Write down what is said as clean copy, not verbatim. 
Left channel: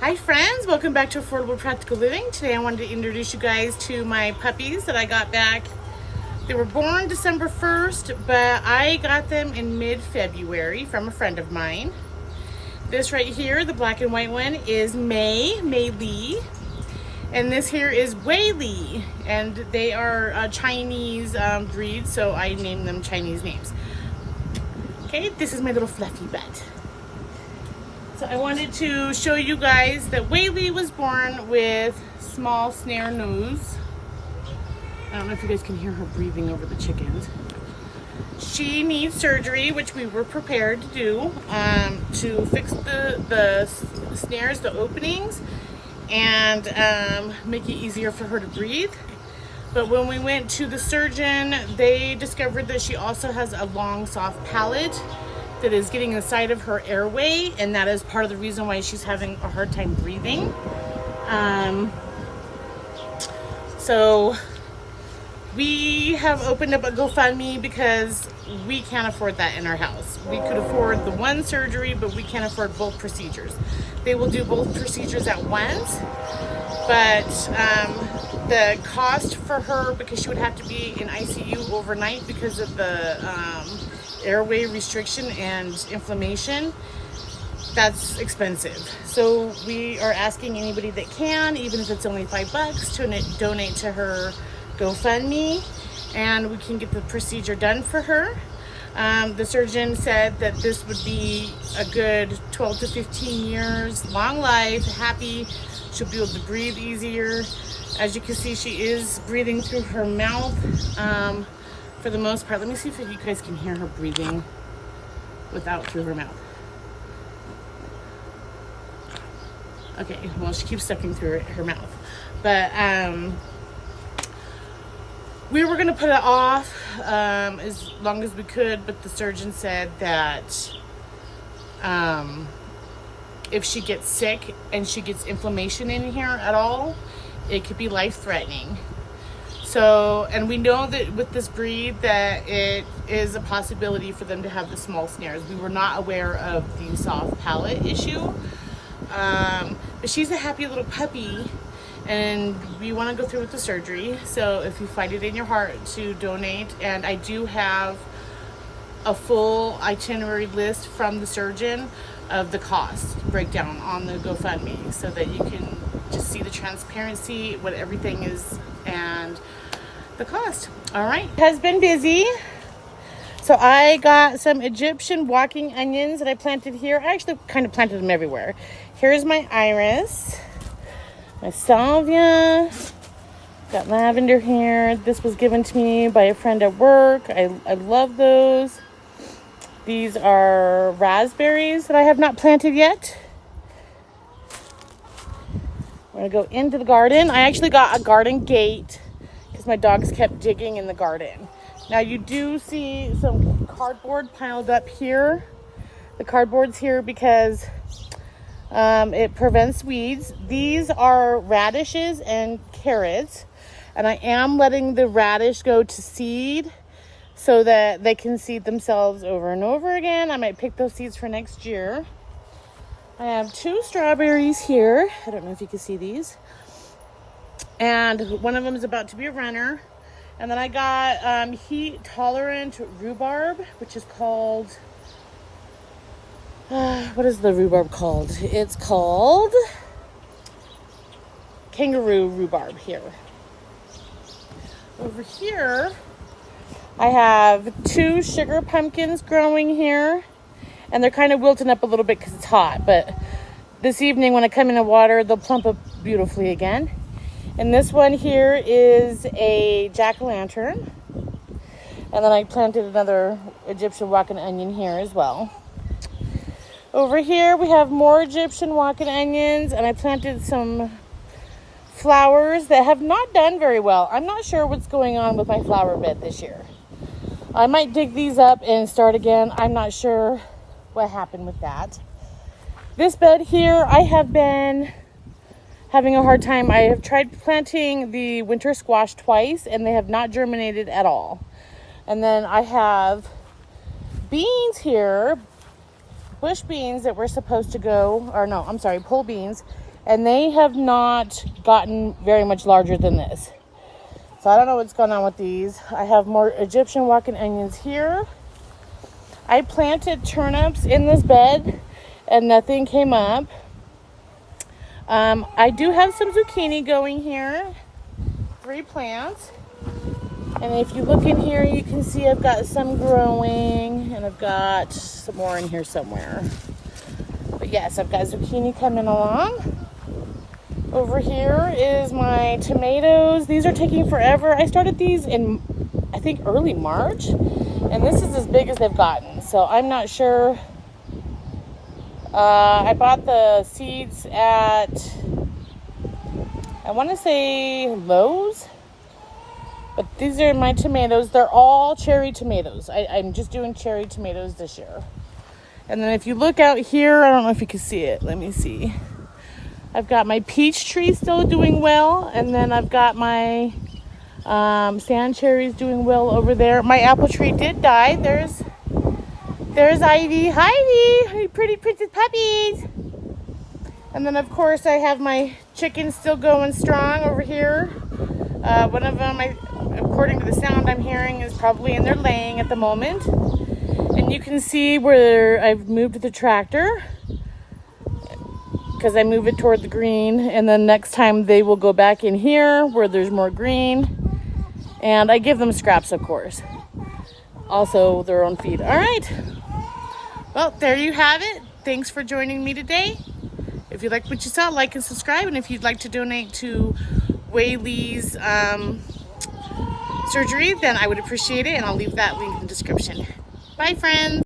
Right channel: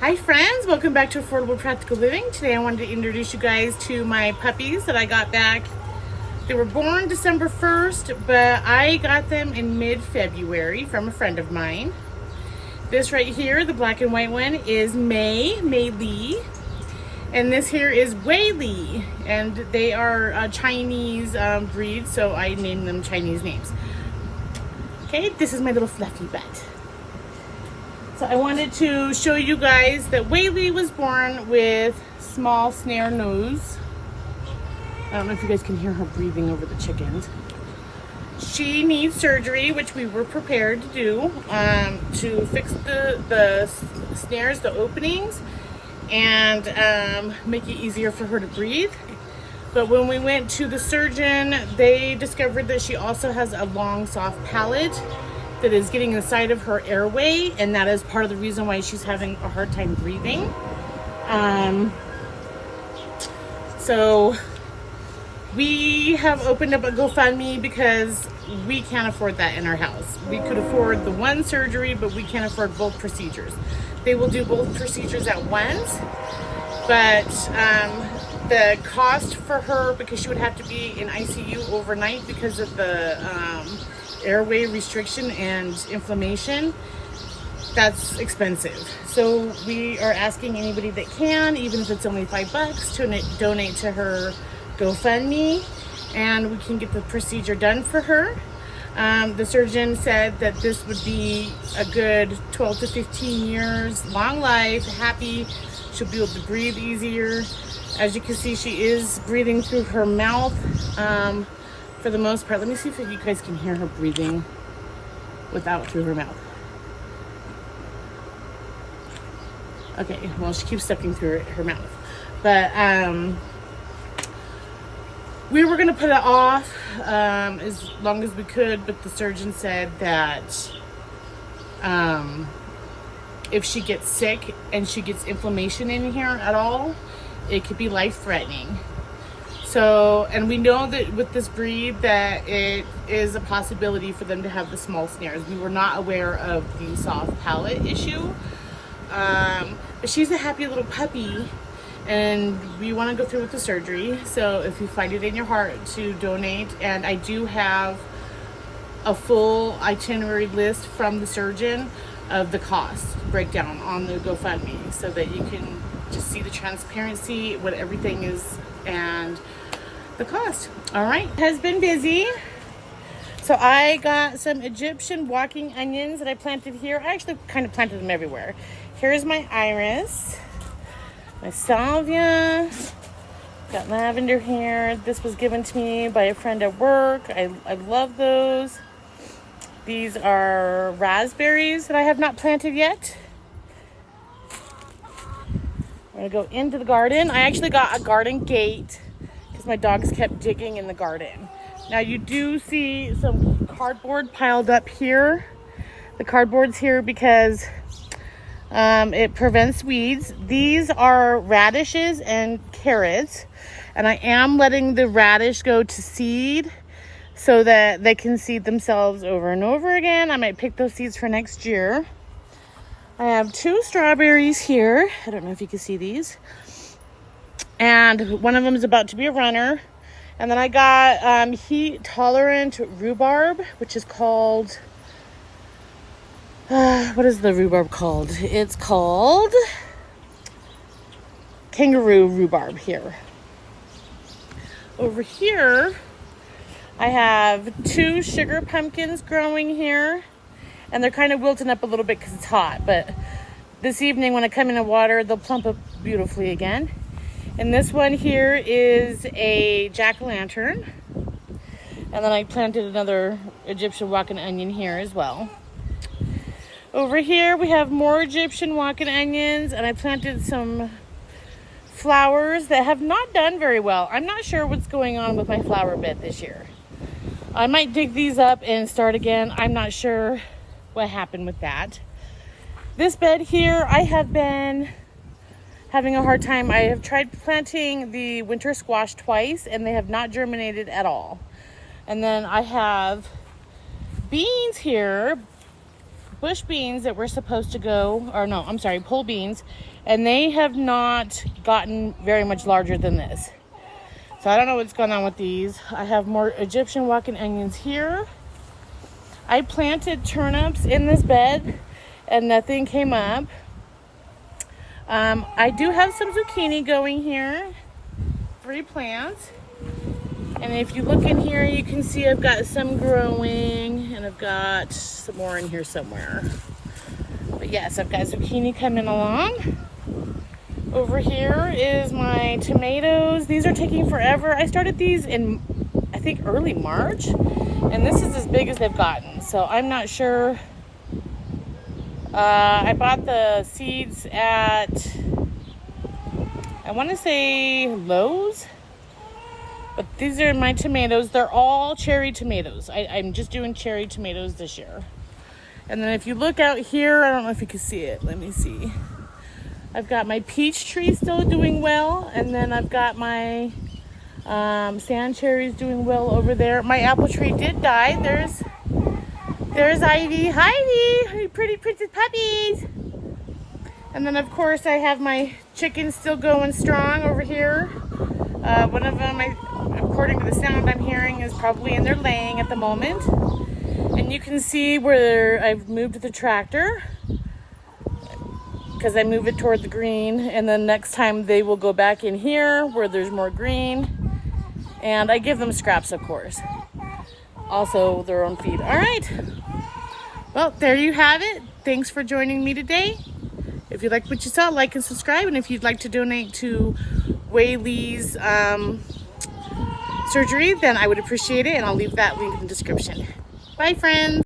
Hi friends, welcome back to Affordable Practical Living. Today I wanted to introduce you guys to my puppies that I got back. They were born December 1st, but I got them in mid-February from a friend of mine. This right here, the black and white one, is Wei Li. And this here is Wei Li. And they are a Chinese breed, so I named them Chinese names. Okay, this is my little fluffy butt. So I wanted to show you guys that Wei Li was born with small snare nose. I don't know if you guys can hear her breathing over the chickens. She needs surgery, which we were prepared to do, to fix the snares, the openings, and make it easier for her to breathe. But when we went to the surgeon, they discovered that she also has a long, soft palate that is getting inside of her airway, and that is part of the reason why she's having a hard time breathing. So we have opened up a GoFundMe because we can't afford that in our house. We could afford the one surgery, but we can't afford both procedures. They will do both procedures at once, but the cost for her, because she would have to be in ICU overnight because of the airway restriction and inflammation, that's expensive. So we are asking anybody that can, even if it's only $5, to donate to her GoFundMe, and we can get the procedure done for her. The surgeon said that this would be a good 12 to 15 years, long life, happy. She'll be able to breathe easier. As you can see, she is breathing through her mouth for the most part. Let me see if you guys can hear her breathing without through her mouth. Okay, well, she keeps sucking through her mouth. But we were gonna put it off as long as we could, but the surgeon said that if she gets sick and she gets inflammation in here at all, it could be life-threatening. So, and we know that with this breed that it is a possibility for them to have the small snares. We were not aware of the soft palate issue. But she's a happy little puppy, and we want to go through with the surgery. So if you find it in your heart to donate, and I do have a full itinerary list from the surgeon of the cost breakdown on the GoFundMe, so that you can just see the transparency, what everything is, and the cost. All right, has been busy. So I got some Egyptian walking onions that I planted here. I actually kind of planted them everywhere. Here's my iris, my salvia, got lavender here. This was given to me by a friend at work. I love those. These are raspberries that I have not planted yet. I'm gonna go into the garden. I actually got a garden gate because my dogs kept digging in the garden. Now you do see some cardboard piled up here. The cardboard's here because it prevents weeds. These are radishes and carrots, and I am letting the radish go to seed so that they can seed themselves over and over again. I might pick those seeds for next year. I have 2 strawberries here. I don't know if you can see these. And one of them is about to be a runner. And then I got heat tolerant rhubarb, which is called, what is the rhubarb called? It's called kangaroo rhubarb here. Over here, I have 2 sugar pumpkins growing here. And they're kind of wilting up a little bit because it's hot. But this evening when I come in the water, they'll plump up beautifully again. And this one here is a jack-o'-lantern. And then I planted another Egyptian walking onion here as well. Over here we have more Egyptian walking onions, and I planted some flowers that have not done very well. I'm not sure what's going on with my flower bed this year. I might dig these up and start again. I'm not sure what happened with that. This bed here, I have been having a hard time. I have tried planting the winter squash twice, and they have not germinated at all. And then I have beans here, bush beans that were supposed to go, or no, I'm sorry, pole beans, and they have not gotten very much larger than this. So I don't know what's going on with these. I have more Egyptian walking onions here. I planted turnips in this bed and nothing came up. I do have some zucchini going here, 3 plants. And if you look in here, you can see I've got some growing and I've got some more in here somewhere. But yes, I've got zucchini coming along. Over here is my tomatoes. These are taking forever. I started these in, I think, early March. And this is as big as they've gotten. So I'm not sure. I bought the seeds at, I want to say Lowe's. But these are my tomatoes. They're all cherry tomatoes. I'm just doing cherry tomatoes this year. And then if you look out here, I don't know if you can see it. Let me see. I've got my peach tree still doing well. And then I've got my sand cherries doing well over there. My apple tree did die. There's Ivy. Hi, Ivy. Pretty princess puppies. And then, of course, I have my chickens still going strong over here. One of them, according to the sound I'm hearing, is probably in there laying at the moment. And you can see where I've moved the tractor because I move it toward the green. And then next time they will go back in here where there's more green. And I give them scraps, of course. Also their own feed. All right. Well, there you have it. Thanks for joining me today. If you like what you saw, like and subscribe. And if you'd like to donate to Wei Li's surgery, then I would appreciate it. And I'll leave that link in the description. Bye, friends.